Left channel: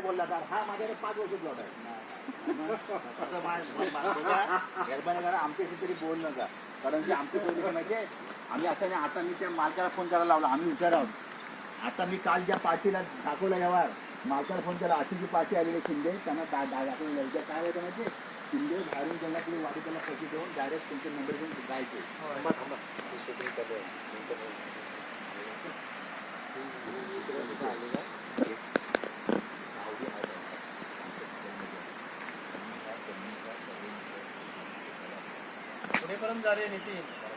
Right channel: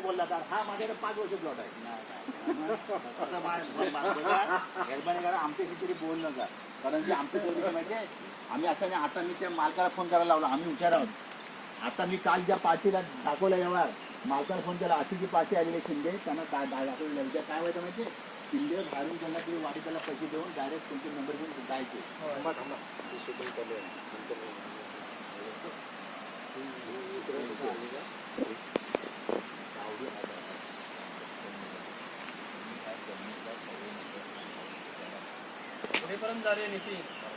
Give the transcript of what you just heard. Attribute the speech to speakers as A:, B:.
A: नाही बोलला तर हा माझ्याकडे पाच वर्ष जॉब आहे. आता मा- मा- बघा, मेहरबानी करा आमच्या तरी बोल नका कारण की आमची पहिली काय माहितीये? आम्ही असं नाही आता मी त्या मालकाला फोन करायला लावला. आम्ही विचार आहोत. आता मी काल ज्या पार्टीला दाखवलं यावर मालकाला फोन केला. अशी जी पार्टी आलेली शिंदे त्यांना दा- दाखवलं उद्या काय होतं माहिती शिंदे बाहेरून त्यांना तुम्ही वाढू त्याला पैसे देऊन डायरेक्ट तुमचे नंबर घेऊन जायचे.
B: परम जा नीति